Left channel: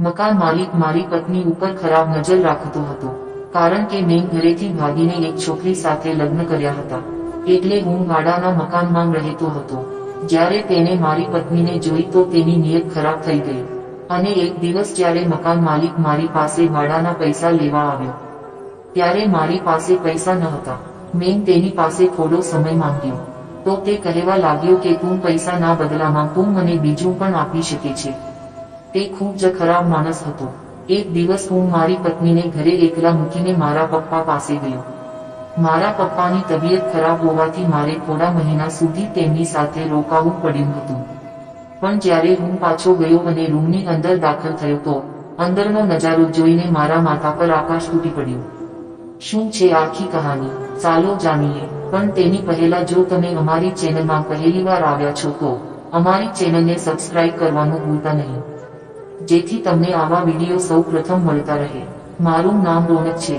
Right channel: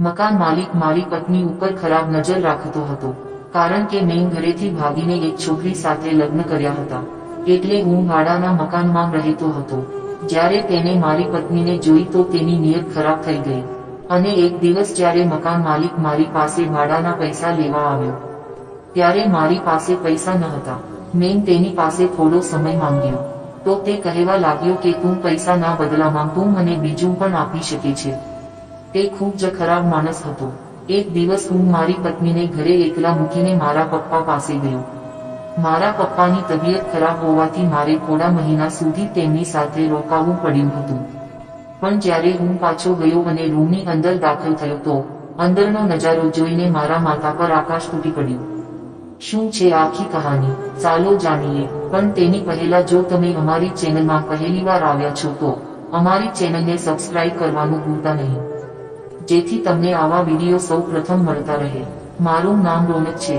મકાન માલિક મારી પત્ની ઉપર ખરાબ નજર રાખતો હતો, કારણ કે મેં ઘરેથી ભાગીને એક છોકરી સાથે લગ્ન કર્યા હતા. એટલે હું ભાડાના મકાનમાં રહેતો હતો. જ્યારે તેને મારી પત્નીને જોઈ તો તેની નિયત ખરાબ થઈ ગઈ. અને એક દિવસ જ્યારે મકાન માલિક મારી પાસે ભાડાના પૈસા લેવા આવ્યો, ત્યારે મારી પાસે પૈસા ન હતા. મેં તેની પાસે થોડો સમય માંગ્યો. તો તે કહેવા લાગ્યો કે તું પૈસા ના બદલામાં તું મને બીજું પણ આપી શકે છે. તે ખૂબ જ ખરાબ માણસ હતો. એક દિવસ હું મારી પત્નીને ઘરે એકલા મૂકીને મારા પપ્પા પાસે ગયો. મારા પપ્પાની તબિયત ખરાબ હોવાથી મારે થોડા મહિના સુધી તેમની સાથે રોકાવું પડ્યું હતું. પણ જ્યારે હું પાછો ગયો અને રૂમની અંદર દાખલ થયો તો, અંદરનો નજારો જોઈને મારા માથા પર આકાશ તૂટી પડ્યું. શું છે આખી કહાની? ચાલો જાણીએ. પણ તેની પહેલા જો તમે અમારી ચેનલમાં પહેલીવાર આવ્યા છો તો, અમારી ચેનલને સબસ્ક્રાઇબ કરવાનું ભૂલતા નહીં. જેથી તમને આવા વીડિયો સૌ પ્રથમ મળતા રહે. મારું નામ રોનક છે.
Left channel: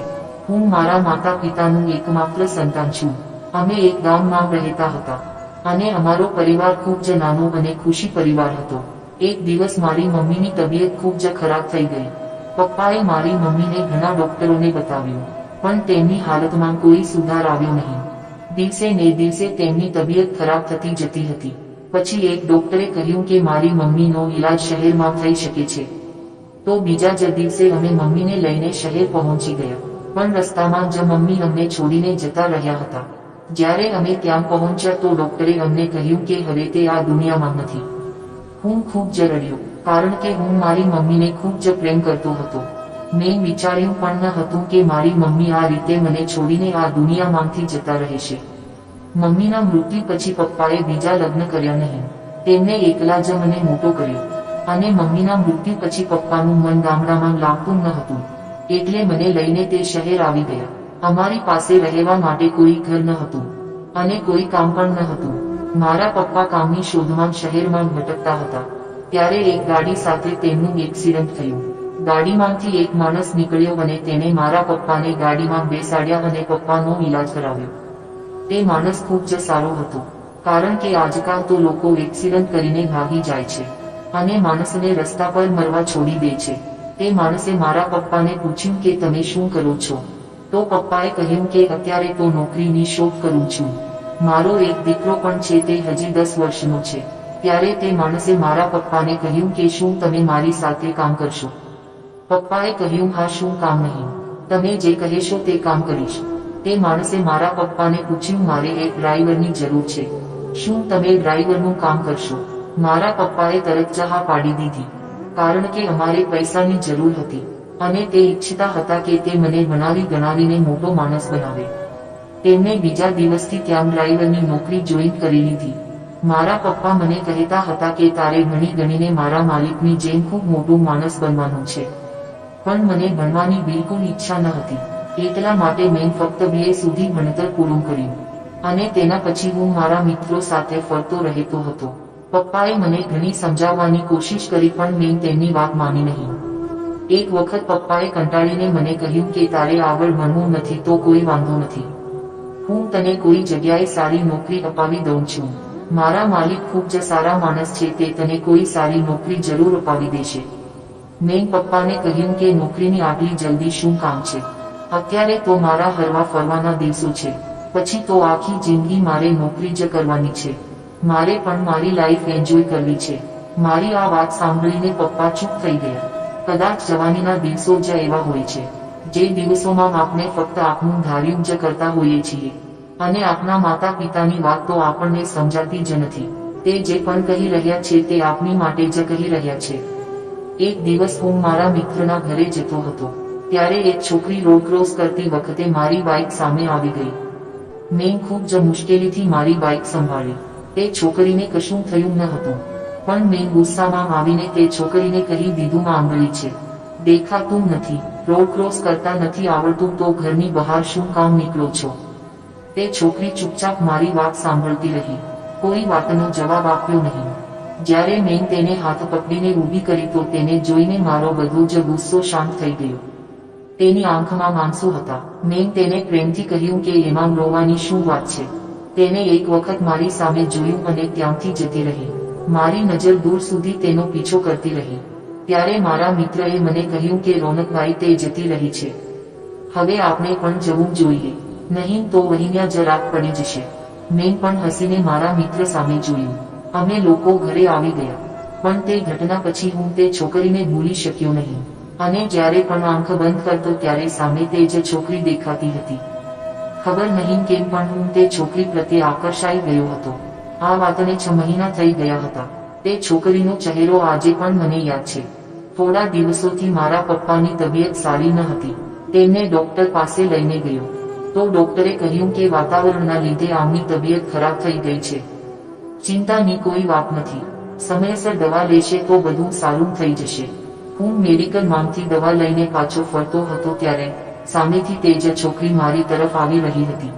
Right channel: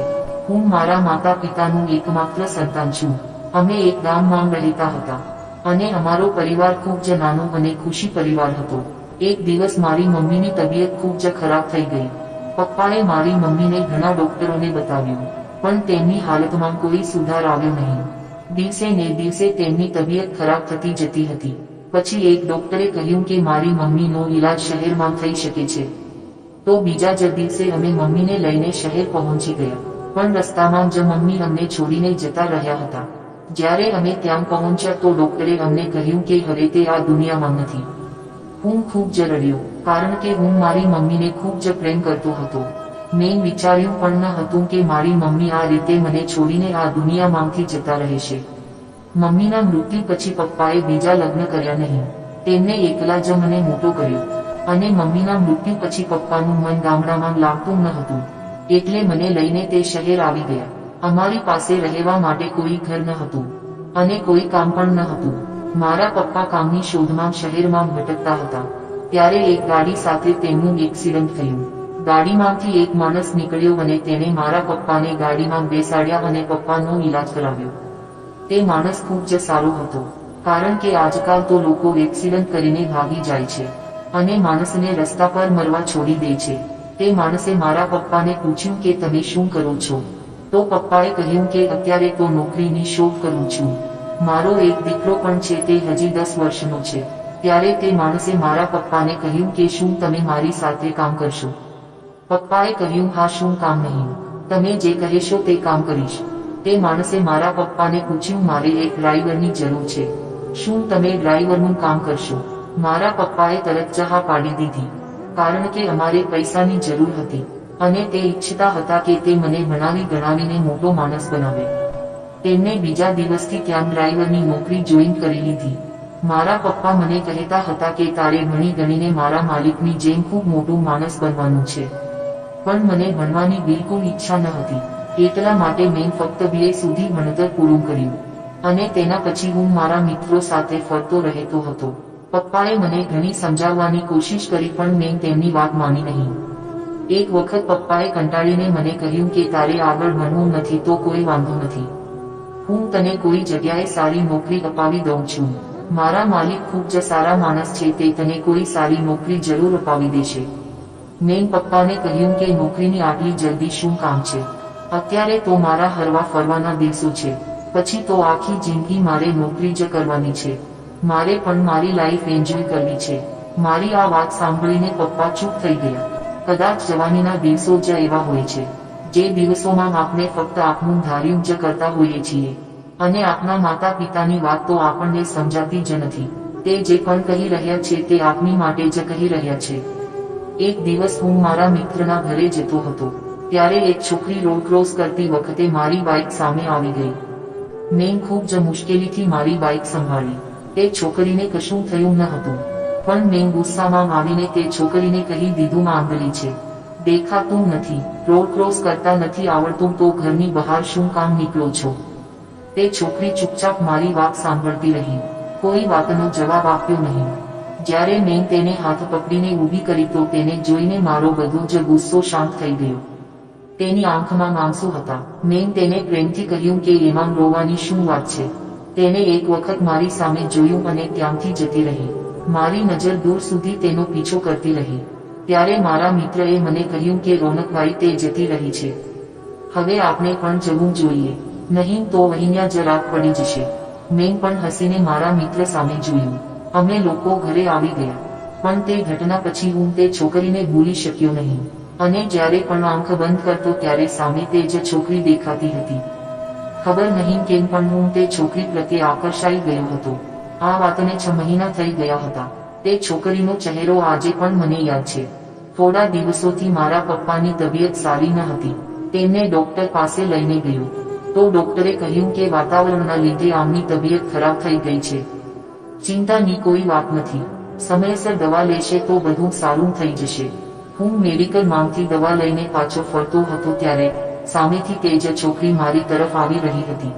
હું મારા માતા પિતાનું એકમાત્ર સંતાન છું. અમે એક ગામમાં રહેતા હતા. અને અમારો પરિવાર ખૂબ જ નાનો અને ખુશી પરિવાર હતો. એક દિવસ મારી મમ્મીની તબિયત ખૂબ જ ખરાબ થઈ ગઈ. પપ્પાએ મારી મમ્મીને ઘણા ડોક્ટરોને બતાવ્યું, પણ તેમની હાલતમાં કોઈ સુધાર આવ્યો નહીં. દિવસે ને દિવસે તેમની તબિયત ખરાબ થતી જતી હતી. પછી એક ડોક્ટરે કહ્યું કે મારી મમ્મીનો ઈલાજ શહેરમાં થઈ શકે છે. તો બીજા જ દિવસે અમે મમ્મીને લઈને શહેર પહોંચી ગયા. પણ રસ્તામાં જ મમ્મી અમને છોડીને જતા રહ્યા હતા. જ્યારે અમે ત્યાં પહોંચ્યા તો ડોક્ટરે અમને કહ્યું કે હવે તે આ દુનિયામાં નથી. હું ખૂબ જ રડ્યો, કારણ કે હું મારી મમ્મીને ખૂબ જ પ્રેમ કરતો હતો. મેં વિચાર્યું પણ ન હતું કે મારી મમ્મી આ રીતે મને છોડીને આ દુનિયામાંથી જતા રહેશે. મમ્મીના મૃત્યુ પછી પપ્પાએ બીજા લગ્ન કર્યા નહીં. તેમને એકલા જ મને મોટો કર્યો. અને મમ્મીના મૃત્યુ પછી પપ્પાનું મન ગામડામાં લાગતું ન હતું. એટલે મને લઈને તે શહેર આવી ગયા. અમારી પાસે રહેવા માટે કોઈ ઘર ન હતું. અને કોઈ કામ પણ ન હતું. મારા પપ્પા કામની શોધમાં શહેરમાં ભટકતા હતા. ત્યારે એક ગાડી સાથે તેમનું એક્સિડન્ટ થયું. ગાડીમાંથી એક માણસ નીકળ્યો અને તેને મારા પપ્પાને ગાડીમાં બેસાડ્યા અને પપ્પાનો ઈલાજ કરાવ્યો. તે માણસ ખૂબ જ સારો હતો, કારણ કે આજકાલ તો લોકો એક્સિડન્ટ કરીને ભાગી જાય છે, અને માણસને રસ્તા પર મરવા છોડી દે છે. તે માણસે મારા પપ્પાને પૂછ્યું કે તમે શું કરો છો? તો પપ્પાએ કહ્યું કે અત્યારે તો નોકરીની શોધ કરું છું. મારો એક દીકરો પણ છે તે હજી દસ વર્ષનો છે. ત્યારે તે માણસે મારા પપ્પાને કહ્યું કે શું તમે મારી સાથે કામ કરશો? પપ્પાએ કહ્યું, હા, શું કામ નહીં. તમે જે કહેશો તે કામ કરીશ. તે માણસે મારા પપ્પાને પૂછ્યું, મારે એક ડ્રાઈવરની જરૂર છે. શું તમે ડ્રાઈવરનું કામ કરશો? મારા પપ્પાએ તરત ચહા પાડી દીધી, કારણ કે અમારે પૈસાની જરૂર હતી અને તે ઈચ્છતા હતા કે તે મને ભણાવી ગણાવીને મોટો માણસ બનાવે. તેમને બીજા દિવસથી ત્યાં ડ્રાઈવરની નોકરી જોઈન કરી લીધી. મારા પપ્પા મને કહેતા હતા કે, તારે ભણી ગણીને મારા માલિકની જેમ ખૂબ મોટું માણસ બનવાનું છે. પણ મને ભણવાની બિલકુલ ઈચ્છા ન હતી. એટલા માટે મેં ફક્ત બીએ સુધી ભણતર પૂરું કર્યું. અને તેના પછી હું મારા મિત્રો સાથે ફરતો રહેતો હતો. પપ્પાએ મને ઘણી સમજાવવાની કોશિશ કરી પણ મેં તેમની વાત માની નહીં. એક વખત પપ્પાએ કંટાળીને મને કહ્યું કે તારે આગળ ભણવું નથી તો કોઈ વાંધો નથી. હું તને કોઈ જગ્યાએ સારી નોકરી અપાવી દઉં છું. મારા માલિક ખૂબ જ સારા માણસ છે તે તને કોઈ સારી નોકરી જરૂર અપાવી દેશે. મેં પપ્પાને કહ્યું કે નોકરીની આટલી જલ્દી શું કામ છે? અત્યારે તો મારા હરવા ફરવાના દિવસો છે. પછી તો આખી જિંદગી મારે નોકરી જ કરવાની છે. મારે પણ મારી લાઈફ એન્જોય કરવી છે. મારી આ વાત સાંભળીને પપ્પા ચૂપ થઈ ગયા. કદાચ જવાનીના દિવસો જ એવા હોય છે. જે દિવસોમાં આપણે ફક્ત આપનું ધાર્યું જ કરતા હોઈએ છીએ. અને આપના માતા પિતાની વાત તો આપણને સમજાતી જ નથી. તે જે પણ કહી રહ્યા છે તે આપની માટે જ કહી રહ્યા છે. એક દિવસ હું મારા મિત્રના ઘરે જતો હતો. ત્યારે એક છોકરી રોડ ક્રોસ કરતી વખતે મારી બાઇક સામે આવી ગઈ. મેં ખૂબ જ મુશ્કેલીથી મારી બાઇક સંભાળી. તે છોકરીને કશું થયું ન હતું. પણ મેં ગુસ્સામાં આવીને તે છોકરીને કહી દીધું આંગળી છે. દેખાતું નથી. રોડ ક્રોસ કરતા નથી આવડતું તો ઘરની બહાર શું કામ નીકળો છો? તે છોકરી ચૂપચાપ મારી વાત સાંભળતી રહી. કોઈ વાતનો જવાબ આપ્યો નહીં. જ્યારે મેં તેને હાથ પકડીને ઊભી કરી તો તેને જોઈને મારો બધો જ ગુસ્સો શાંત થઈ ગયો. તેની આંખમાં માંસુ હતા મેં તેને પ્રેમથી કહ્યું કે એમાં રોવાની શું વાત છે તેને એક વખત મારી સામે જોયું અને ત્યાંથી જતી રહી મારી નજર દૂર સુધી તેનો પીછો કરતી રહી ત્યારે મારા મિત્રએ મને કહ્યું કે રોનકભાઈ તે જતી રહી છે હવે આપણે પણ જવું જોઈએ નહીં તો વહીન્યા જરાક પડી જશે મેં પણ હસીને મારા મિત્ર સામે જોયું અમે લોકો ઘરે આવી ગયા પણ તે ઘટના પછી હું તે છોકરીને ભૂલી શક્યો નહીં અને જ્યારે પણ આંખ બંધ કરતો ત્યારે સામે તે જ છોકરી દેખાતી હતી. ખબર નહીં કેમ પણ હું તે છોકરી પ્રત્યે આકર્ષાઈ ગયો હતો. આ વાતને છ મહિના થઈ ગયા હતા. તે છોકરીનો ચહેરો આજે પણ મને યાદ છે. થોડા દિવસોથી મારા પપ્પાની તબિયત સારી ન હતી. તેમને ડોક્ટર પાસે લઈને ગયો. તો ડોક્ટરે કહ્યું કે વાતાવરણના લીધે આમની તબિયત ખરાબ થઈ ગઈ છે. ચિંતાની કોઈ વાત નથી. સમયસર દવા લેશે તો બધું સારું થઈ જશે. હું મેડિકલ માંગતી દવા લઈને પાછો ફરતો હતો ત્યારે સામેથી તે જ છોકરી મારી તરફ આવી રહી હતી.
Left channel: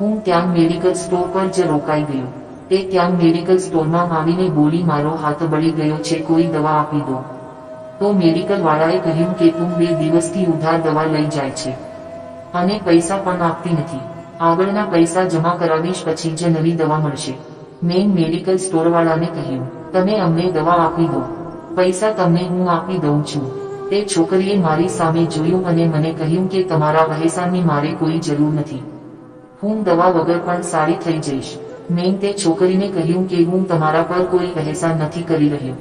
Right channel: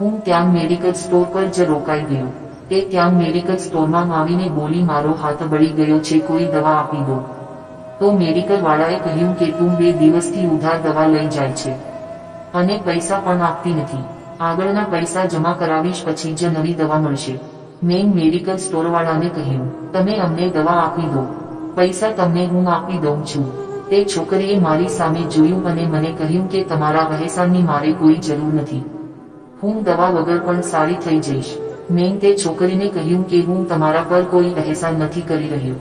હું ત્યાં મેડિકલ સ્ટોર પર જ રોકાઈ ગયો. તે ત્યાં મેડિકલ સ્ટોરમાં આવીને બોલી, મારો હાથ બળી ગયો છે, કોઈ દવા આપી દો. તો મેડિકલ વાળાએ કહ્યું કે, તું બે દિવસથી ઉધાર દવા લઈ જાય છે અને પૈસા પણ આપતી નથી. આગળના પૈસા જમા કરાવીશ, પછી જ નવી દવા મળશે. મેં મેડિકલ સ્ટોરવાળાને કહ્યું, તમે અમને દવા આપી દો. પૈસા તમને હું આપી દઉં છું. તે છોકરીએ મારી સામે જોયું અને મને કહ્યું કે તમારા વહેસાણની મારે કોઈ જરૂર નથી. હું દવા વગર પણ સારી થઈ જઈશ. મેં તે છોકરીને કહ્યું કે હું તમારા પર કોઈ વહેસાન નથી કરી રહ્યો.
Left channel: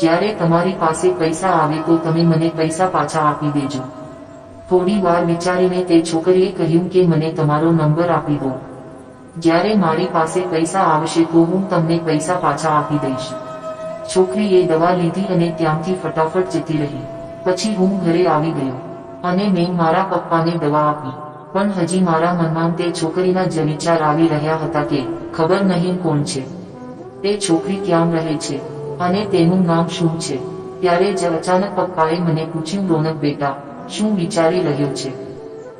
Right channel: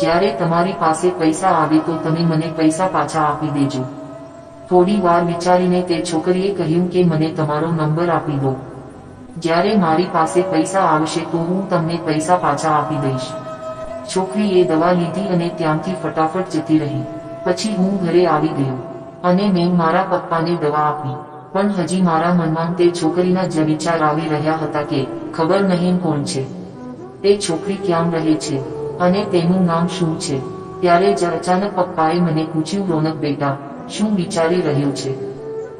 જ્યારે તમારી પાસે પૈસા આવે તો તમે મને પૈસા પાછા આપી દેજો. થોડી વાર વિચારીને તે છોકરીએ કહ્યું કે મને તમારો નંબર આપી દો. જ્યારે મારી પાસે પૈસા આવશે તો હું તમને પૈસા પાછા આપી દઈશ. છોકરીએ દવા લીધી અને ત્યાંથી ફટાફટ જતી રહી. પછી હું ઘરે આવી ગયો. અને મેં મારા પપ્પાને દવા આપી. પણ હજી મારા મનમાં તે છોકરીના જ વિચાર આવી રહ્યા હતા કે ખબર નહીં કોણ છે. તે છોકરી ક્યાં રહે છે? અને તેનું નામ શું છે? ત્યારે જ અચાનક પપ્પાએ મને પૂછ્યું, રોનક બેટા, શું વિચારી રહ્યો છે?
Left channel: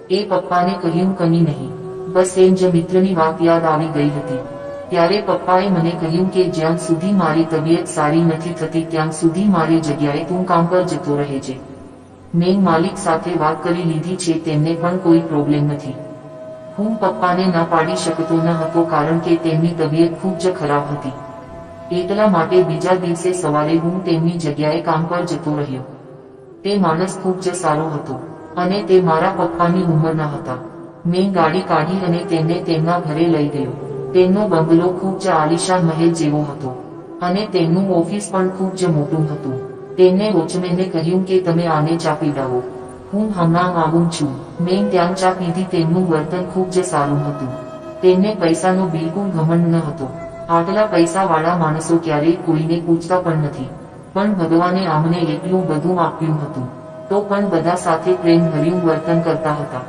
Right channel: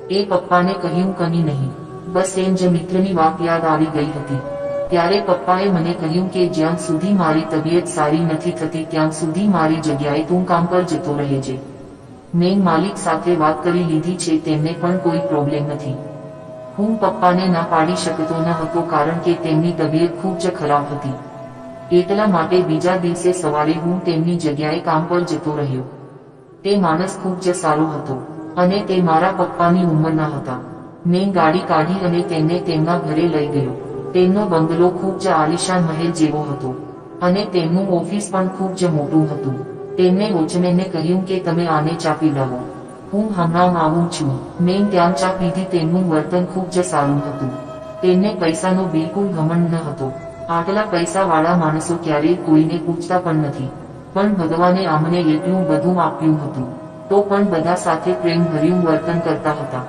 એ પપ્પાને કહ્યું કની નહીં. બસ એમ જ મિત્રની વાત યાદ આવી ગઈ હતી. ત્યારે પપ્પાએ મને કહ્યું કે જ્યાં સુધી મારી તબિયત સારી નથી થતી, ત્યાં સુધી મારી જગ્યાએ તું કામ પર જતો રહેજે મેં માલિક સાથે વાત કરી લીધી છે, તેમને પણ કોઈ પ્રોબ્લેમ નથી. હું પપ્પાને ના પાડી શકતો ન હતો કારણ કે તેમની તબિયત ખૂબ જ ખરાબ હતી. એટલા માટે બીજા દિવસે સવારે હું તેમની જગ્યાએ કામ પર જતો રહ્યો. તે માણસ ખૂબ જ સારો હતો અને તે મારા પપ્પાની ઉંમરના હતા. મેં ગાડી કાઢી અને તેમને તેમના ઘરે લઈ ગયો. તેમનો બંગલો ખૂબ જ આલિશાન મહેલ જેવો હતો. અને તેમનું ઓફિસ પણ ખૂબ જ મોટું હતું. તેમને વોચમેનને કહ્યું કે તમે આને ચા પીવડાવો હું હમણાં આવું છું. મેં ત્યાં ચા પીધી તેમનું વર્તન ખૂબ જ સારું હતું. તેમને પૈસાનો બિલકુલ ઘમંડ ન હતો. આટલા પૈસાવાળા માણસો ક્યારેય કોઈને પૂછતા પણ નથી. પણ ભગવાને અમને એટલું બધું આપ્યું હતું. તો પણ બધા સાથે પ્રેમ ભર્યું વર્તન કરતા હતા.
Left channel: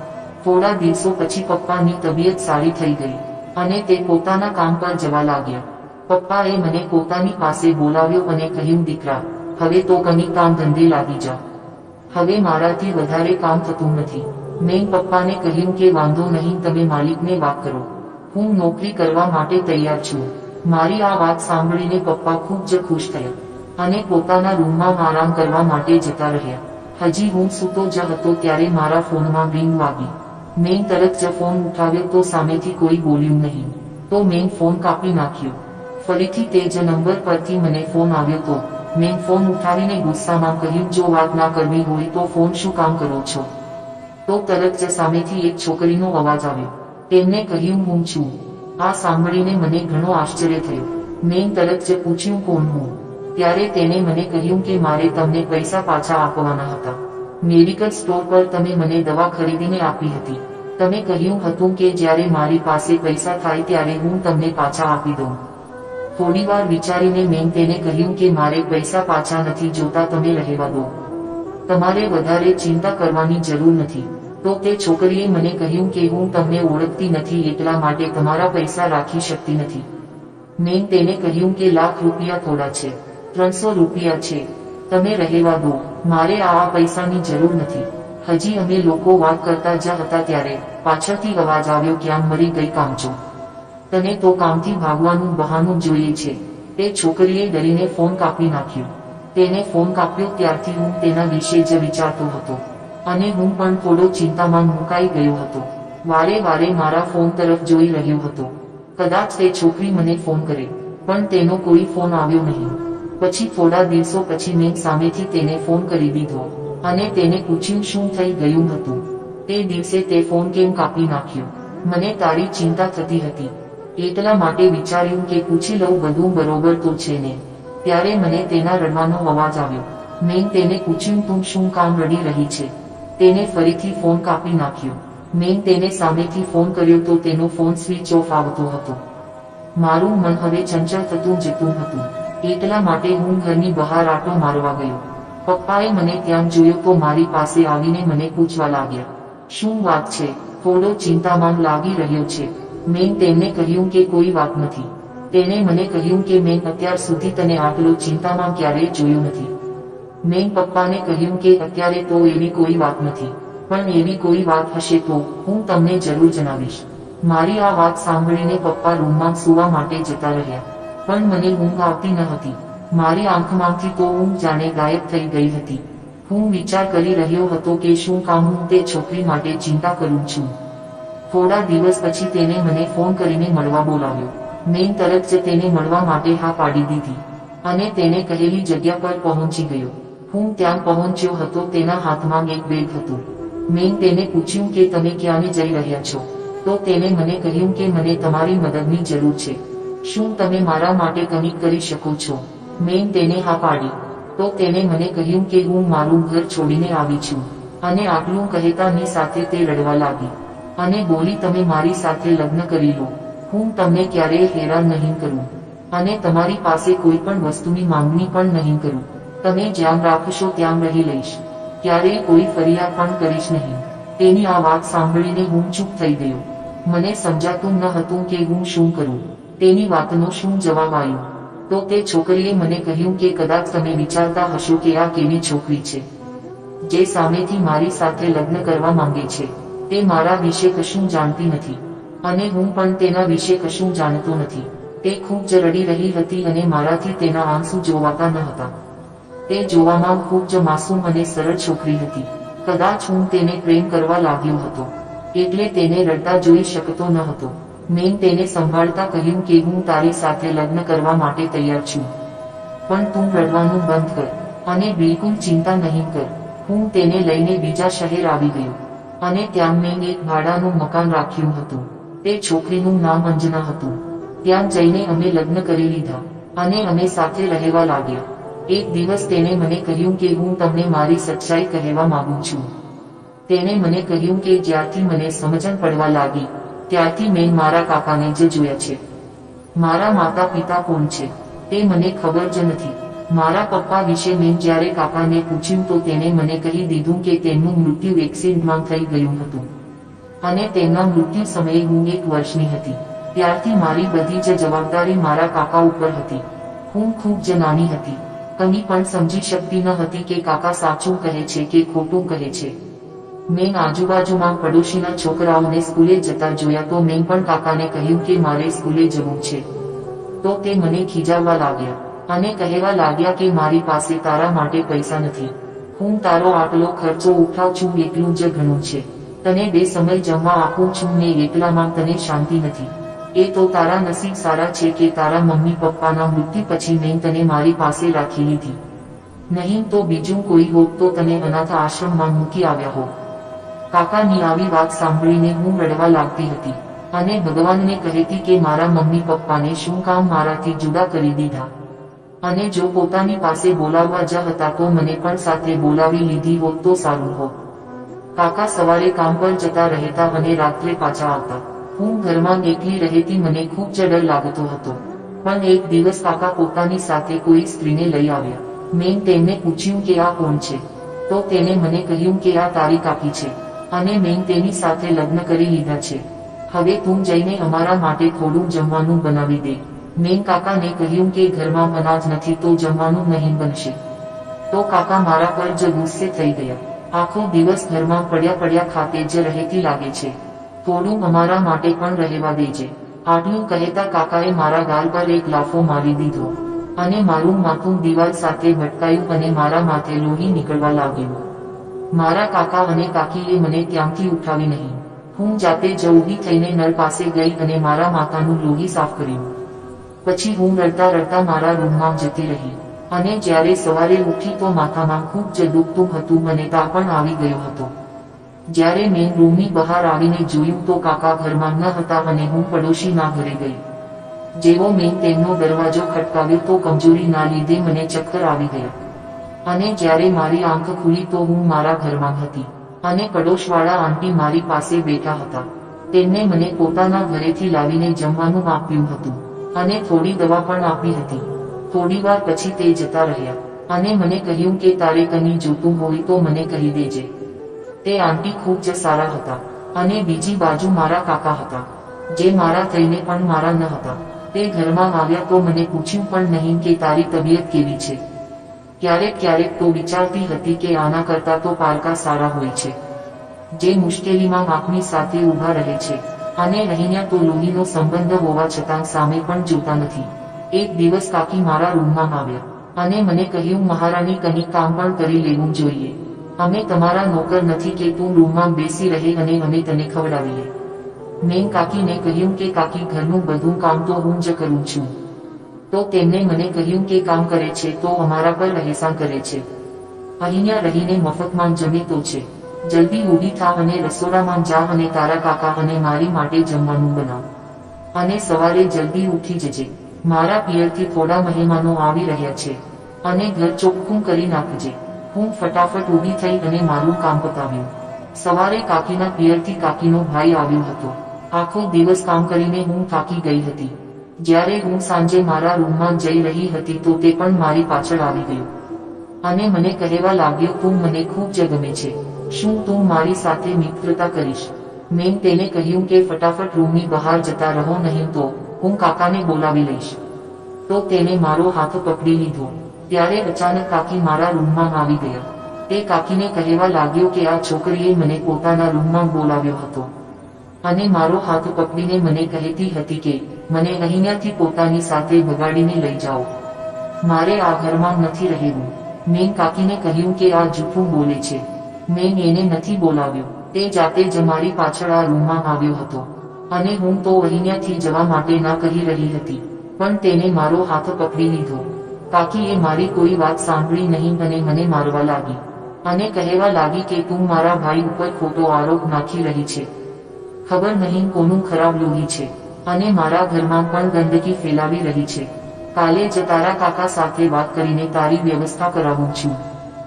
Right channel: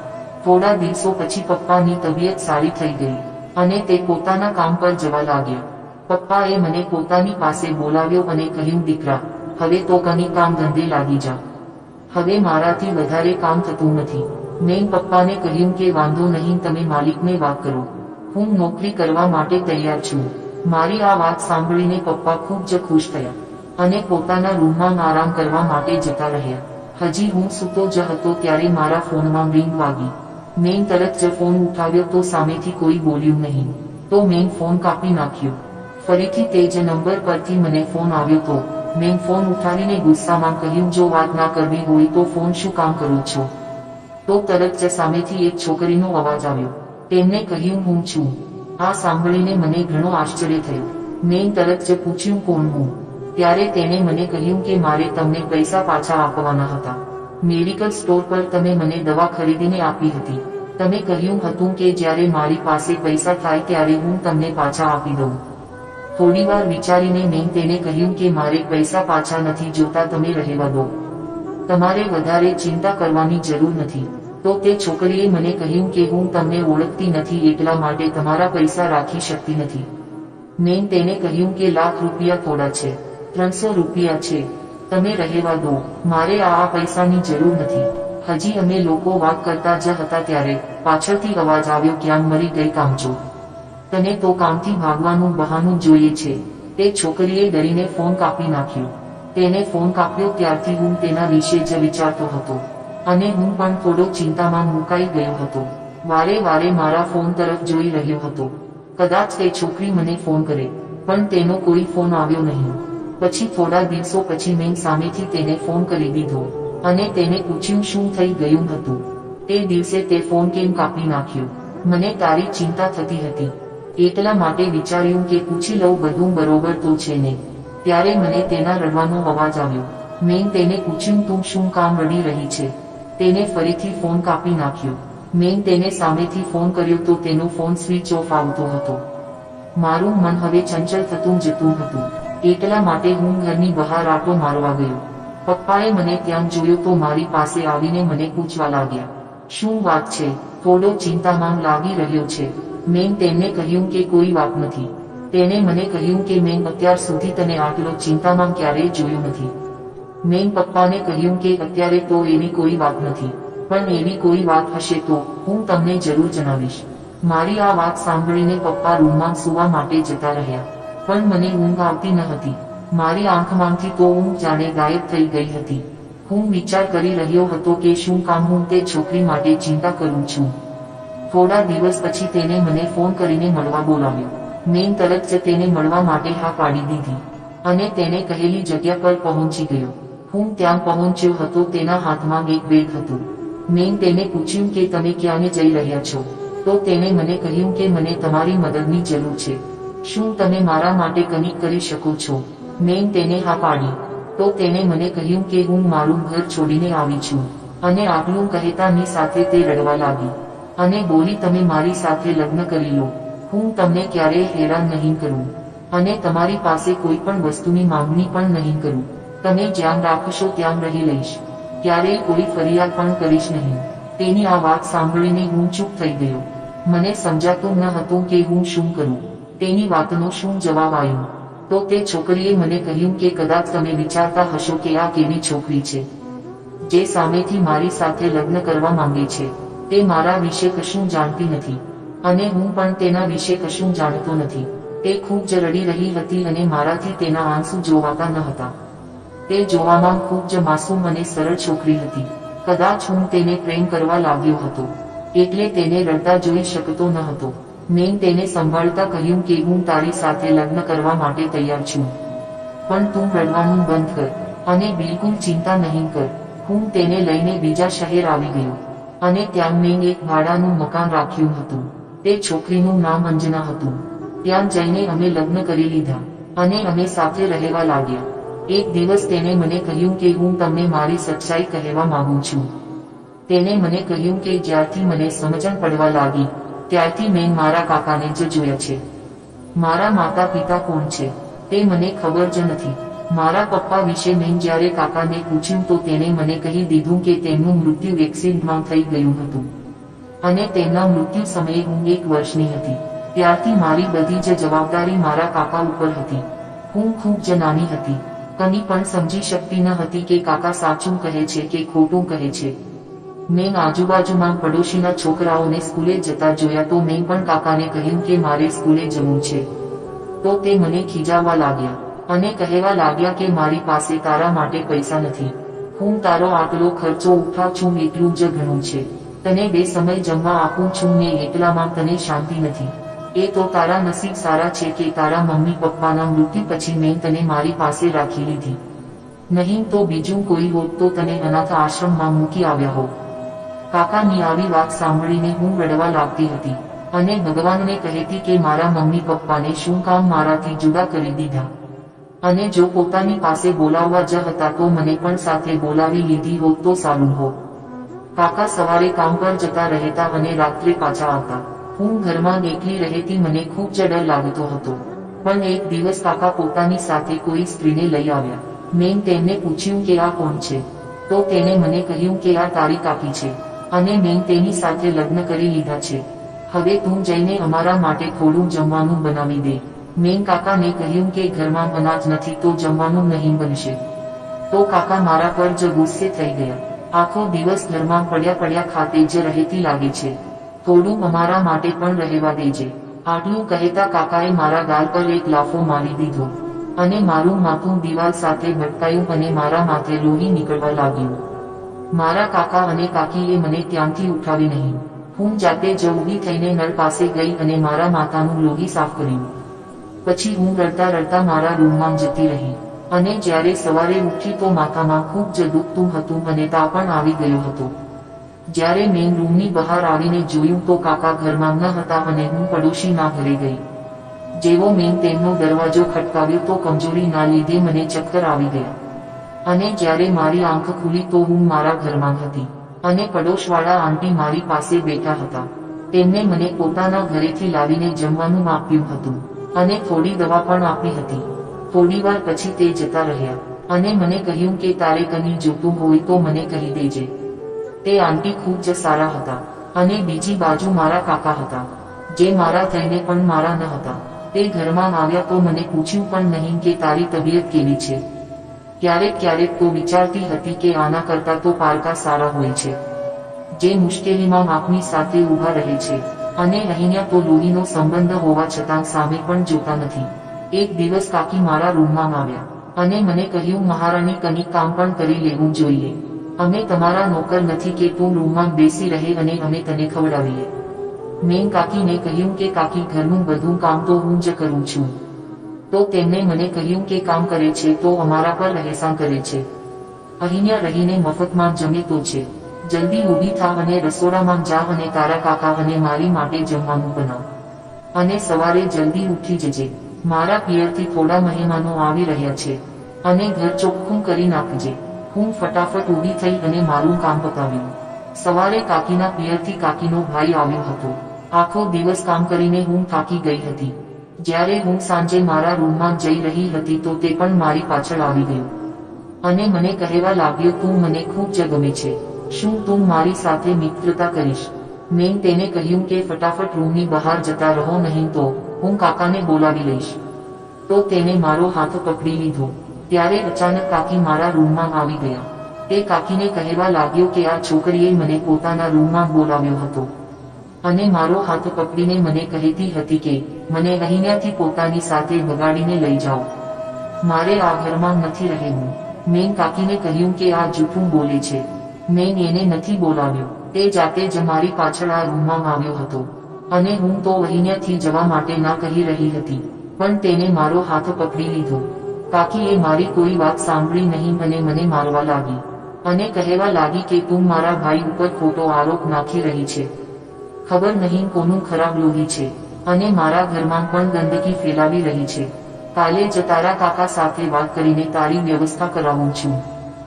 થોડા દિવસો પછી પપ્પાની તબિયત સારી થઈ ગઈ. અને તે પોતાના કામ પર જવા લાગ્યા. પપ્પાએ મને પોતાની પાસે બોલાવ્યો અને કહ્યું, દીકરા, હવે તો કની કામ ધંધે લાગી જા. હવે મારાથી વધારે કામ થતું નથી. મેં પપ્પાને કહ્યું કે, વાંધો નહીં, તમે માલિકને વાત કરો. હું નોકરી કરવા માટે તૈયાર છું. મારી આ વાત સાંભળીને પપ્પા ખૂબ જ ખુશ થયા અને પોતાના રૂમમાં આરામ કરવા માટે જતા રહ્યા. હજી હું સૂતો જ હતો ત્યારે મારા ફોનમાં રિંગ વાગી. મેં તરત જ ફોન ઉઠાવ્યો, તો સામેથી કોઈ બોલ્યું નહીં. તો મેં ફોન કાપી નાખ્યો. ફરીથી તે જ નંબર પરથી મને ફોન આવ્યો તો, મેં ફોન ઉઠાવીને ગુસ્સામાં કહ્યું, જો વાત ના કરવી હોય તો ફોન શું કામ કરો છો? તો તરત જ સામેથી એક છોકરીનો અવાજ આવ્યો. તેમને કહ્યું, હું છું. આ સાંભળીને મને ઘણો આશ્ચર્ય થયો. મેં તરત જ પૂછ્યું, કોણ હું? ત્યારે તેને મને કહ્યું કે મારે તમને પૈસા પાછા આપવાના હતા. મેડિકલ સ્ટોર પર તમે મને દવા ખરીદીને આપી હતી. તમે કહ્યું હતું કે જ્યારે મારી પાસે પૈસા થાય ત્યારે હું તમને પાછા આપી દઉં. થોડીવાર વિચારીને મેં તેને કહ્યું કે મારે પૈસા પાછા નથી જોતા, તમે રહેવા દો. તમારે વધારે ચિંતા કરવાની જરૂર નથી. તો તે છોકરીએ મને કહ્યું કે હું તમને ઓળખતી નથી, એટલા માટે તમારા પૈસા રાખી શકતી નથી. મેં તેને કહ્યું કે લાખ રૂપિયા થોડા છે, ત્રણસો રૂપિયા છે, તમે રહેવા દો. મારે આ પૈસાની જરૂર નથી. હજી અમે લોકો વાત કરતા જ હતા ત્યારે પાછળથી અવાજ આવ્યો ક્યાં મરી ગઈ કામચો તને તો કામથી ભાગવાનું બહાનું જોઈએ છે. તે છોકરીએ ડરીને ફોન કાપી નાખ્યો. તેને ફોન કાપ્યો ત્યારથી હું તેના વિશે જ વિચારતો હતો. અને હું પણ થોડો ચિંતામાં મુકાઈ ગયો હતો. વારે વારે મારા ફોન તરફ જોઈ રહ્યો હતો. કદાચ તે છોકરી મને ફોન કરે, પણ તેનો કોઈ ફોન આવ્યો નહીં. પછી થોડા દિવસો પછી મેં સામેથી તેને ફોન કરી દીધો. અને તેને પૂછ્યું શું થઈ ગયું હતું? તે દિવસે તે ફોન કેમ કાપી નાખ્યો? મને તારી ચિંતા થતી હતી. એટલા માટે વિચાર્યું કે પૂછી લઉં બધું બરોબર તો છે ને? ત્યારે મને તેના રડવાનો અવાજ આવ્યો. મેં તેને પૂછ્યું, તું શું કામ રડી રહી છે? તેને ફરીથી ફોન કાપી નાખ્યો. મેં તેને સામેથી ફોન કર્યો તો તેનો ફોન સ્વિચ ઓફ આવતો હતો. મારું મન હવે ચંચળ થતું જતું હતું. એટલા માટે હું ઘરની બહાર આટો મારવા ગયો. પપ્પાએ મને ત્યાં જોયો તો મારી પાસે આવીને મને પૂછવા લાગ્યા. શું વાત છે? થોડો ચિંતામાં લાગી રહ્યો છે. મેં તેમને કહ્યું કે કોઈ વાત નથી. તેને મને કહ્યું કે મેં અત્યાર સુધી તને આટલો ચિંતામાં ક્યારેય જોયો નથી. મેં પપ્પાને કહ્યું કે અત્યારે તો એવી કોઈ વાત નથી. પણ એવી કોઈ વાત હશે તો હું તમને જરૂર જણાવીશ. મારી આ વાત સાંભળીને પપ્પા રૂમમાં સૂવા માટે જતા રહ્યા. પણ મને ઊંઘ આવતી ન હતી. મારી આંખમાંથી તો ઊંઘ જાણે ગાયબ થઈ ગઈ હતી. હું વિચાર કરી રહ્યો હતો કે શું કામ હું તે છોકરી માટે ચિંતા કરું છું. થોડા દિવસ પછી તેને મને ફોન કરીને મળવા બોલાવ્યો. મેં તરત જ તેને મળવા માટે હા પાડી દીધી. અને તેને કહેલી જગ્યા પર પહોંચી ગયો. હું ત્યાં પહોંચ્યો હતો તેના હાથમાં એક બેગ હતું. મેં તેને પૂછ્યું કે તમે ક્યાંને જઈ રહ્યા છો? તો તેને મને કહ્યું કે મને તમારી મદદની જરૂર છે. શું તમે મારા માટે કનેક્ટ કરી શકો છો? મેં તેને હા પાડી. તો તેને મને કહ્યું કે હું મારું ઘર છોડીને આવી છું. અને આટલું કહેતાની સાથે તે રડવા લાગી. અને બોલી, તમે મારી સાથે લગ્ન કરી લો. હું તમને ક્યારેય હેરાન નહીં કરું. અને તમારી પાસે કોઈ પણ વસ્તુની માંગણી પણ નહીં કરું. તમે જ્યાં રાખશો ત્યાં રહી લઈશ. ક્યારેય કોઈ ફરિયાદ પણ કરીશ નહીં. તેની આ વાત સાંભળીને હું ચૂપ થઈ ગયો. મને સમજાતું ન હતું કે હું શું કરું. તેની વાતનો શું જવાબ આવ્યો? તો તે છોકરીએ મને કહ્યું કે કદાચ તમે વિચારતા હશો કે આ કેવી છોકરી છે. જે સામેથી મારી સાથે લગ્ન કરવા માંગે છે. તે મારા વિશે કશું જાણતી નથી. અને હું પણ તેના વિશે કશું જાણતો નથી. તે ખૂબ જ રડી રહી હતી અને મારાથી તેના આંસુ જોવાતા ન હતા. તે જોવામાં ખૂબ જ માસૂમ અને સરળ છોકરી હતી. કદાચ હું તેને પ્રેમ કરવા લાગ્યો હતો. એટલે તેને રડતા જોઈ શકતો ન હતો. મેં તેને સંભાળતા કહ્યું કે હું તારી સાથે લગ્ન કરવા માટે તૈયાર છું. પણ તું રડવાનું બંધ કર અને બિલકુલ ચિંતા નહીં કર. હું તેને લઈને બીજા શહેર આવી ગયો અને ત્યાં મેં એક ભાડાનું મકાન રાખ્યું હતું. તે છોકરીનું નામ અંજના હતું. ત્યાં જઈને અમે લગ્ન કરી લીધા અને અમે સાથે રહેવા લાગ્યા. એક દિવસ તેને મને કહ્યું કે હું તમને મારી સચ્ચાઈ કહેવા માંગુ છું. તેને મને કહ્યું કે જ્યારથી મને સમજણ પડવા લાગી ત્યારથી મેં મારા કાકાને જ જોયા છે. મારા માતા પિતા કોણ છે? તે મને ખબર જ નથી. મારા પપ્પા વિશે મેં જ્યારે કાકાને પૂછ્યું તો તેણે મને કહી દીધું કે તેમનું મૃત્યુ એક્સિડન્ટમાં થઈ ગયું હતું. અને તેમના મૃત્યુ સમયે હું એક વર્ષની હતી. ત્યારથી મારી બધી જ જવાબદારી મારા કાકા ઉપર હતી. હું ખૂબ જ નાની હતી. કની પણ સમજી શકતી ન હતી કે કાકા સાચું કહે છે કે ખોટું કહે છે. મેં આજુબાજુમાં પડોશીના છોકરાઓને સ્કૂલે જતા જોયા તો મેં પણ કાકાને કહ્યું કે મારે સ્કૂલે જવું છે. તો તે મને ખીજાવવા લાગ્યા અને કહેવા લાગ્યા કે મારી પાસે તારા માટે પૈસા નથી. હું તારો આટલો ખર્ચો ઉઠાવ છું એટલું જ ઘણું છે. તને બે સમય જમવા આપું છું ને એકલામાં તને શાંતિ નથી. એ તો તારા નસીબ સારા છે કે તારા મમ્મી પપ્પાના મૃત્યુ પછી મેં તને મારી પાસે રાખી લીધી. નહીં તો બીજું કોઈ હોત તો તને અનાથ આશ્રમમાં મૂકી આવ્યા હોત. કાકાની આવી વાત સાંભળીને હું રડવા લાગતી હતી. અને ભગવાનને કહેતી કે મારા મમ્મી પપ્પાને શું કામ મારાથી જુદા કરી દીધા. અને જો પોતાની પાસે બોલાવવા જ હતા તો મને પણ સાથે બોલાવી લીધી હોત તો સારું હોત. કાકા સવારે કામ પર જતા રહેતા અને રાત્રે પાછા આવતા. હું ઘરમાં એકલી રહેતી મને ખૂબ જ ડર લાગતો હતો. પણ એક દિવસ કાકા પોતાની સાથે કોઈ સ્ત્રીને લઈ આવ્યા. મેં તેમને પૂછ્યું કે આ કોણ છે? તો તેને મને કહ્યું કે આ તારી કાકી છે. અને મેં તેની સાથે લગ્ન કરી લીધા છે. હવે તું જઈને અમારા માટે થોડું જમવાનું બનાવી દે. મેં કાકાને કહ્યું કે ઘરમાં અનાજ નથી તો જમવાનું નહીં બનશે. તો કાકા મારા પર જ ગુસ્સે થઈ ગયા. આખો દિવસ ઘરમાં પડ્યા પડ્યા ખાતે જ રહેતી લાગે છે. થોડું અમારા માટે પણ રહેવા દેજે. આટલું કહેતા કાકાએ મારા ગાલ પર એક લાફો મારી દીધો. અને મારું માથું દિવાલ સાથે ભટકાયું અને મારા માથે લોહી નીકળવા લાગ્યું. મારા કાકા અને કાકીએ મને ત્યાંથી ઉઠાવી નહીં. હું જાતે જ ઊભી થઈને નળ પાસે ગઈ અને મારા માથાનું લોહી સાફ કર્યું. પછી હું રડતા રડતા મારા રૂમમાં જતી રહી. અને જ્યારે સવારે ઉઠી તો માથામાં ખૂબ જ દુખતું હતું અને તા પણ આવી ગયો હતો. જ્યારે મેં રૂમની બહાર આવીને જોયું તો કાકા ઘરમાં ન હતા અને હું પડોશીના ઘરે ગઈ. જેવો મેં તેમનો દરવાજો ખટકાવ્યો તો કમજોરીના લીધે મને ચક્કર આવી ગયા. અને જ્યારે મારી આંખ ખુલી તો હું મારા ઘરમાં હતી. અને પડોશવાળા આંટી મારી પાસે બેઠા હતા. તેમને મને પોતાના ઘરેથી લાવીને જમવાનું આપ્યું હતું. અને થોડી દવા પણ આપી હતી. થોડીવાર પછી તે જતા રહ્યા. અને મને કહ્યું કે તારે કની જોતું હોય તો મને કહી દેજે. તે આંટી ખૂબ જ સારા હતા. અને બીજી બાજુ મારા કાકા હતા. જે મારા થઈને પણ મારા ન હતા. તે ઘરમાં આવ્યા તો મને પૂછ્યું પણ નહીં કે તારી તબિયત કેવી છે? ક્યારેક ક્યારેક તો વિચારતી હતી કે આના કરતા તો પારકા સારા હોય છે. જે મુશ્કેલીમાં આપની સાથે ઊભા રહે છે. અને અહીંયા તો લોહીનો સંબંધ હોવા છતાં સામે પણ જોતા નથી. એક દિવસ કાકી મારા રૂમમાં આવ્યા. અને મને કહ્યું, મહારાણી કંઈક કામ પણ કરી લેવું જોઈએ. અમે તમારા નોકર નથી કે તું રૂમમાં બેસી રહે અને અમે તને ખવડાવીએ. મેં કાકીને કહ્યું કે, કાકી, ઘરનું બધું કામ તો હું જ કરું છું. તો તેમણે મને કહ્યું કે કામ કરે છે, તો અમારા પર રહેસાન કરે છે. અહીંયા રહીને મફતમાં જમે તો છે. જલ્દી ઊભી થા અને રસોડામાં જા અને તારા કાકા અને મારી માટે જમવાનું બનાવ. અને સવારે જલ્દી ઉઠી જજે. મારા પિયરથી થોડા મહેમાનો આવી રહ્યા છે. અને ઘર ચોખ્ખું કરી નાખજે. હું ફટાફટ ઊભી થઈ અને મારું કામ પતાવ્યું. સવારે કાકીના પિયરથી કાકીનો ભાઈ આવ્યો હતો. આખો દિવસ કામ કરીને હું થાકી ગઈ હતી. જ્યારે હું સાંજે મારા રૂમમાં જઈ રહી હતી તો તે પણ મારી પાછળ આવી ગયું. અને મને કહેવા લાગ્યો, તું મને ખૂબ જ ગમે છે. શું તું મારી સાથે મિત્રતા કરીશ? મેં તેને કહ્યું કે, ફટાફટ રૂમની બહાર જતા રહો, નહીં તો હું કાકાને બોલાવી લઈશ. તો તેને મારો હાથ પકડી લીધો. ત્યારે અચાનક કાકી મારા રૂમમાં આવી ગયા. તે કાકીને કહેવા લાગ્યો કે, આ છોકરીએ મને પોતાના રૂમમાં બોલાવ્યો હતો. અને મારો હાથ પકડીને મને કહેતી હતી કે, મને અહીંયાથી પોતાની સાથે બગાડીને લઈ જાઓ. મારે આ ઘરમાં નથી રહેવું. મેં કાકીને કહ્યું કે આ જૂઠું બોલે છે. મેં એને નથી બોલાવ્યો. તે જાતે જ મારી પાછળ આ રૂમમાં આવ્યો હતો. અને હું તો અહીંયાથી જવા માટે ના કહી રહી હતી, પણ તેને મારો હાથ પકડી લીધો. કાકીએ મારી કોઈ વાત સાંભળી નહીં અને મને મારવા લાગી. અને કહેવા લાગી કે તું મારા ભાઈ ઉપર ખોટો આરોપ નાખી રહી છે. ખબર નહીં કોનું ખરાબ લોહી છે. અને મારા ઘરમાં પણ ગંદકી ફેલાવી રહી છે. કાલે જ તારા કાકા સાથે વાત કરીને તારી વ્યવસ્થા કરાવું છું.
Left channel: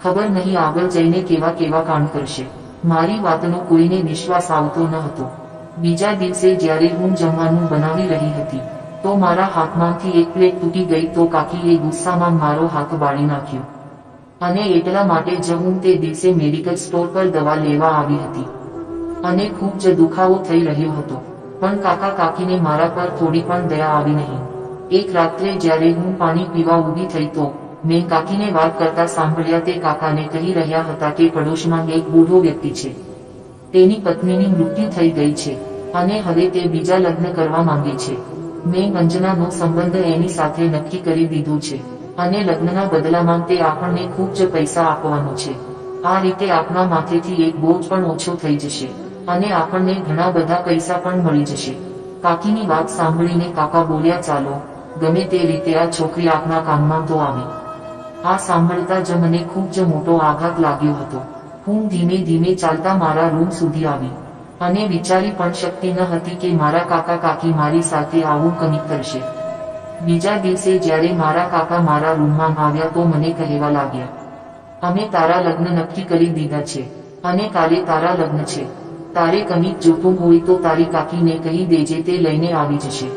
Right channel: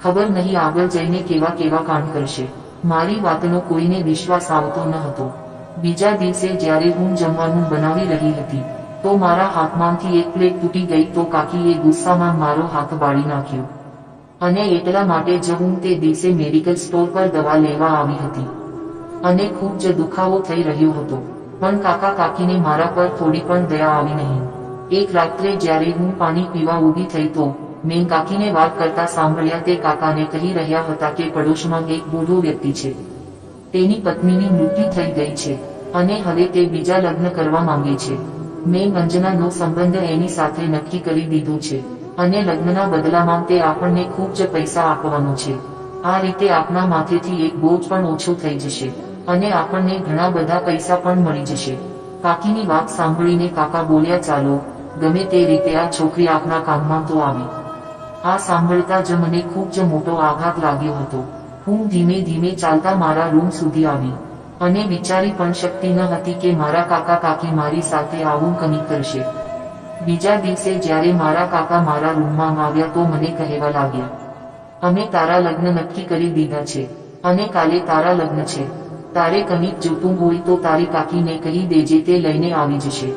ખબર નહીં આગળ જઈને કેવા કેવા કામ કરશે. મારી વાતનો કોઈને વિશ્વાસ આવતો ન હતો. બીજા દિવસે જ્યારે હું જમવાનું બનાવી રહી હતી, તો મારા હાથમાંથી એક પ્લેટ તૂટી ગઈ તો કાકીએ ગુસ્સામાં મારો હાથ બાળી નાખ્યો. અને એટલા માટે જ હું તે દિવસે મેડિકલ સ્ટોર પર દવા લેવા આવી હતી. અને ખૂબ જ દુખાવો થઈ રહ્યો હતો. પણ કાકા કાકીને મારા પર થોડી પણ દયા આવી નહીં. એક રાત્રે જ્યારે હું પાણી પીવા ઊભી થઈ તો, મેં કાકીને વાત કરતા સાંભળ્યા તે કાકાને કહી રહ્યા હતા કે પડોશમાં એક બૂઢો વ્યક્તિ છે. તેની પત્નીની મૃત્યુ થઈ ગઈ છે અને હવે તે બીજા લગ્ન કરવા માંગે છે. મેં અંજનાનો સંબંધ એની સાથે નક્કી કરી દીધો છે અને લગ્નના બદલામાં તે આપણને ખૂબ જ પૈસા આપવાનો છે. આ રીતે આપના માથેથી એક બોજ પણ ઓછો થઈ જશે. અને આપણને ઘણા બધા પૈસા પણ મળી જશે. કાકીની વાત સાંભળીને કાકા બોલ્યા, ચાલો, ગમે તે રીતે આ છોકરી આપના કામમાં તો આવે. આ સાંભળતા જ મને ખૂબ જ મોટો આઘાત લાગ્યો હતો. હું ધીમે ધીમે ચાલતા મારા રૂમ સુધી આવી અને વિચારી પણ શક્તિ ન હતી કે મારા કાકા કાકી મારી સાથે આવું કંઈક કરશે. બીજા દિવસે જ્યારે મારા કાકા મારા રૂમમાં આવ્યા તો મને કહેવા લાગ્યા, અમે તારા લગ્ન નક્કી કરી દીધા છે અને કાલે તારા લગ્ન છે. તારે કમી જોતું હોય તો તારી કાકીને કહી દેજે તે લઈને આવી જશે.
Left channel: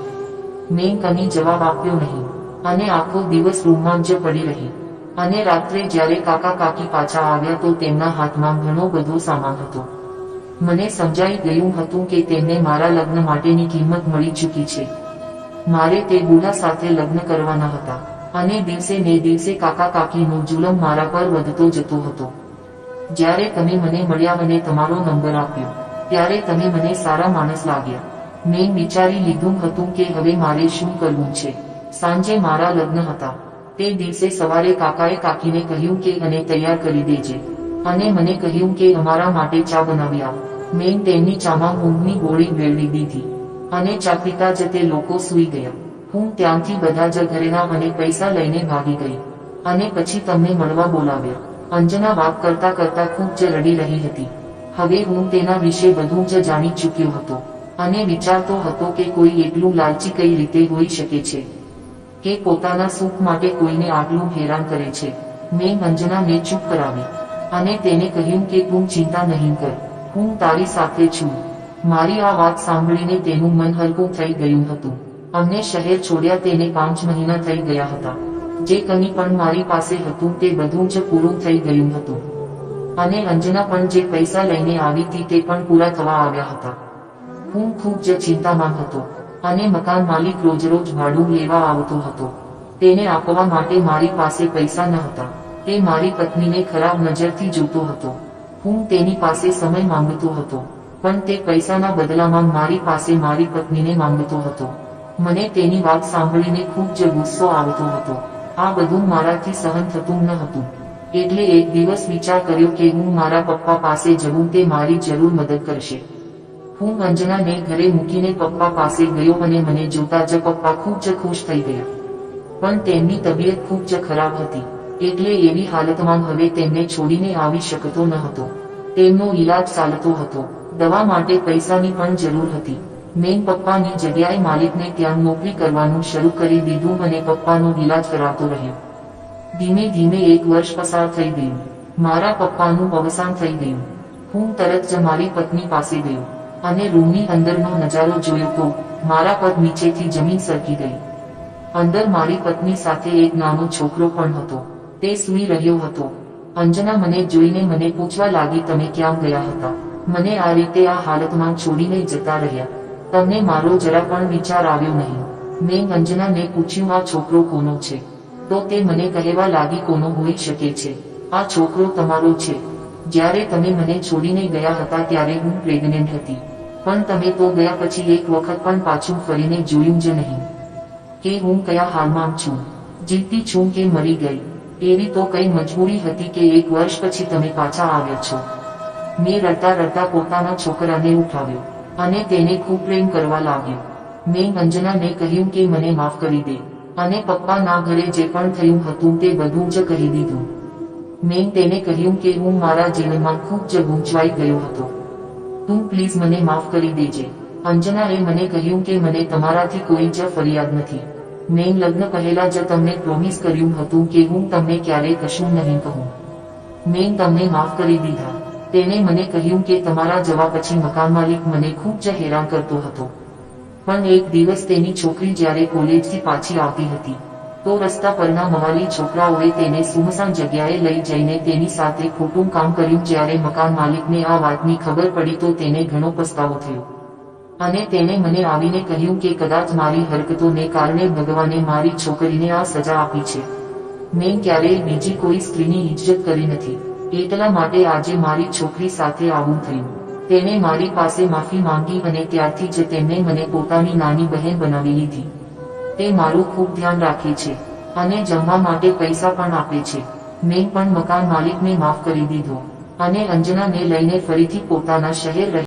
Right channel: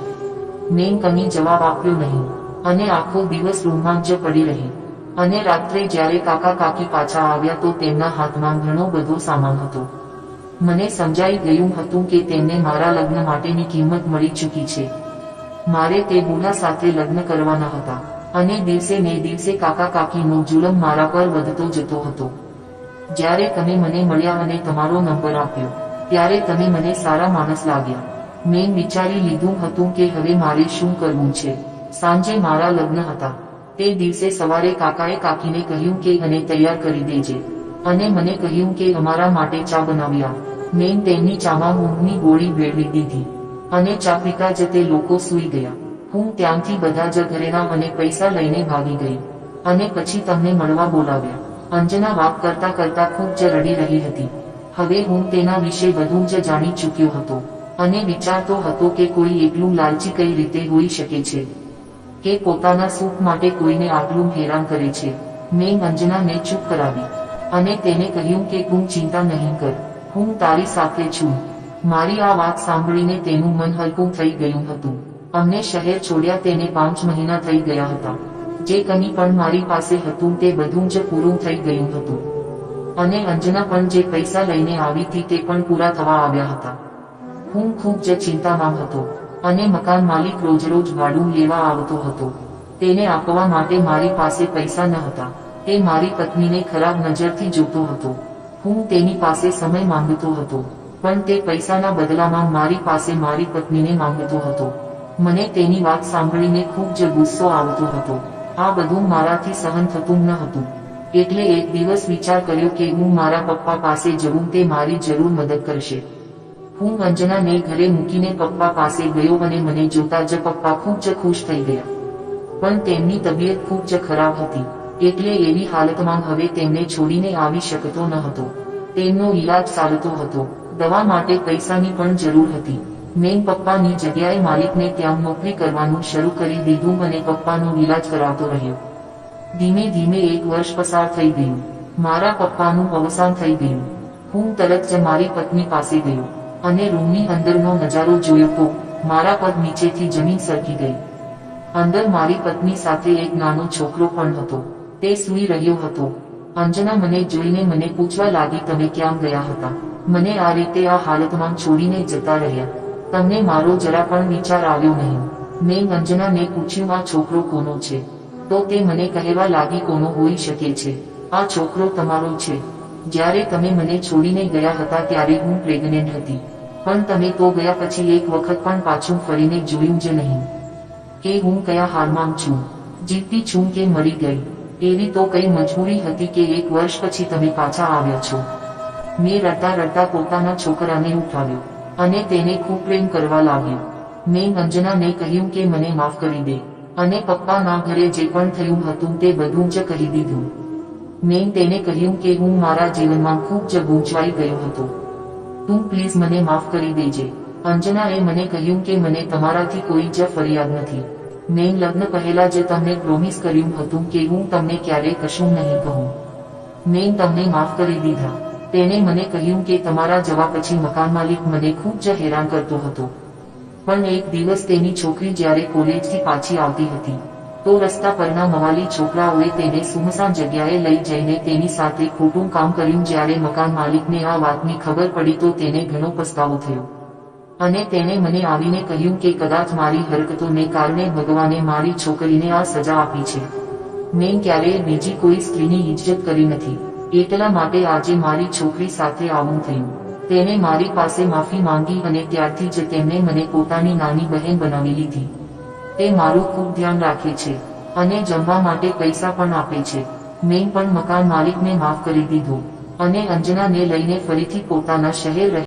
મેં કંઈ જવાબ આપ્યો નહીં. અને આખો દિવસ રૂમમાં જ પડી રહી. અને રાત્રે જ્યારે કાકા કાકી પાછા આવ્યા તો તેમના હાથમાં ઘણો બધો સામાન હતો. મને સમજાઈ ગયું હતું કે તેમને મારા લગ્ન માટેની કિંમત મળી ચૂકી છે. મારે તે બુલા સાથે લગ્ન કરવાના હતા. અને દિવસે ને દિવસે કાકા કાકીનો જુલમ મારા પર વધતો જતો હતો. જ્યારે તમે મને મળ્યા અને તમારો નંબર આપ્યો. ત્યારે તમે મને સારા માણસ લાગ્યા. મેં વિચારી લીધું હતું કે હવે મારે શું કરવું છે. સાંજે મારા લગ્ન હતા. તે દિવસે સવારે કાકાએ કાકીને કહ્યું કે અને તૈયાર કરી દેજે. અને મને કહ્યું કે અમારા માટે ચા બનાવ્યા. મેં તેમની ચામાં ઊંઘની ગોળી વેળવી દીધી. અને ચા પીતા જ તે લોકો સૂઈ ગયા. હું ત્યાંથી બધા જ ઘરેણા અને પૈસા લઈને ભાગી ગઈ. અને પછી તમને મળવા બોલાવ્યા. અંજના વાત કરતા કરતા ખૂબ જ રડી રહી હતી. હવે હું તેના વિશે બધું જ જાણી ચૂક્યો હતો. અને વિચારતો હતો કે કોઈ એટલું લાલચી કઈ રીતે હોઈ શકે છે. કે પોતાના સુખ માટે કોઈને આટલું હેરાન કરે છે. મેં મંજનાને ચૂપ કરાવી. અને તેને કહ્યું કે તું ચિંતા નહીં કર. હું તારી સાથે છું. મારી આ વાત સાંભળીને તેનું મન હલકું થઈ ગયું હતું. અમને શહેર છોડ્યા તેને પાંચ મહિના થઈ ગયા હતા. જે કંઈ પણ મારી પાસે હતું તે બધું જ પૂરું થઈ ગયું હતું. અને અંજના પણ જે પૈસા લઈને આવી હતી તે પણ પૂરા થવા આવ્યા હતા. હું ખૂબ જ ચિંતામાં હતો અને મકાન માલિક રોજ રોજ ભાડું લેવા આવતો હતો. તેને આપવા માટે મારી પાસે પૈસા ન હતા. તે મારી પત્નીને ખરાબ નજરથી જોતો હતો. હું તેની પાસે સમય માંગતો હતો, પણ તે પૈસાના બદલામાં મારી પાસે મારી પત્નીને માંગતો હતો. મને તેની વાત સાંભળીને ખૂબ જ ગુસ્સો આવતો હતો. આ બધું મારાથી સહન થતું ન હતું. એટલે એક દિવસ વિચાર કર્યો કે હું મારા પપ્પા પાસે જવું તે મારી જરૂર મદદ કરશે. હું અંજનાને ઘરે મૂકીને પપ્પા પાસે ગયો અને મને જોતા જ પપ્પા ખૂબ જ ખુશ થઈ ગયા. પણ તેમની તબિયત ખૂબ જ ખરાબ હતી, એટલે એવી હાલતમાં હવે તેમને છોડીને આવી શકતો ન હતો. તેમનો ઈલાજ ચાલતો હતો, દવા માટે પૈસાની પણ જરૂર હતી. મેં પપ્પાની જગ્યાએ માલિકને ત્યાં નોકરી કરવાનું શરૂ કરી દીધું અને પપ્પાનો ઈલાજ કરાવતો રહ્યો. ધીમે ધીમે એક વર્ષ પસાર થઈ ગયું. મારા પપ્પાનું અવસાન થઈ ગયું. હું તરત જ મારી પત્ની પાસે ગયો અને રૂમની અંદરનો નજારો જોયો તો મારા પગ નીચેથી જમીન સરકી ગઈ. અંદર મારી પત્ની સાથે એક નાનો છોકરો પણ હતો. તે સૂઈ રહ્યો હતો. અંજના મને જોઈને મને પૂછવા લાગી, તમે ક્યાં ગયા હતા? મને આ રીતે આ હાલતમાં છોડીને જતા રહ્યા. તમને મારો જરા પણ વિચાર આવ્યો નહીં. મેં અંજનાને પૂછ્યું, આ છોકરો કોનો છે? તો તે મને કહેવા લાગી કોનો હોઈ શકે છે. આ છોકરો તમારો છે. જ્યારે તમે મને છોડીને ગયા હતા ત્યારે હું પ્રેગ્નેન્ટ હતી. પણ તમે તો ગયા પછી એક વખત પણ પાછું ફરીને જોયું જ નહીં. કે હું કયા હાલમાં છું. જીવતી છું કે મરી ગઈ. એવી તો કઈ મજબૂરી હતી કે એક વર્ષ પછી તમે પાછા આવ્યા છો. મેં રડતા રડતા પોતાના છોકરાને ઉઠાવ્યો. અને તેને ખૂબ પ્રેમ કરવા લાગ્યો. મેં અંજનાને કહ્યું કે મને માફ કરી દે. અને પપ્પાના ઘરે જે પણ થયું હતું તે બધું જ કહી દીધું. મેં તેને કહ્યું કે હું મારા જીવનમાં ખૂબ જ ગૂંચવાઈ ગયો હતો. તું પ્લીઝ મને માફ કરી દેજે. અંજનાએ મને કહ્યું કે મને તમારાથી કોઈ જ ફરિયાદ નથી. મેં લગ્ન પહેલા જ તમને પ્રોમિસ કર્યું હતું કે હું તમને ક્યારેય કશું નહીં કહું. મેં તમને માફ કરી દીધા. તેને મને કહ્યું કે તમારા જવા પછી મકાન માલિક મને ખૂબ જ હેરાન કરતો હતો. પણ એક દિવસ તેની છોકરી જ્યારે કોલેજથી પાછી આવતી હતી, તો રસ્તા પરના મવાલી છોકરાઓએ તેને સુમસાન જગ્યાએ લઈ જઈને તેની સાથે ખોટું કામ કર્યું જ્યારે મકાન માલિકને આ વાતની ખબર પડી તો તેને ઘણો પસ્તાવો થયો. અને તેણે મને આવીને કહ્યું કે કદાચ મારી હરકતોને કારણે ભગવાને મારી છોકરીને આ સજા આપી છે. મેં ક્યારેય બીજી કોઈ સ્ત્રીની ઇજ્જત કરી નથી. એટલા માટે આજે મારી છોકરી સાથે આવું થયું. તેને મારી પાસે માફી માંગી અને ત્યારથી જ તેમણે મને પોતાની નાની બહેન બનાવી લીધી. તે મારું ખૂબ ધ્યાન રાખે છે અને જમવા માટે પૈસા પણ આપે છે. મેં પણ મકાન માલિકને માફ કરી દીધો અને અંજનાને લઈને ફરીથી પોતાના શહેર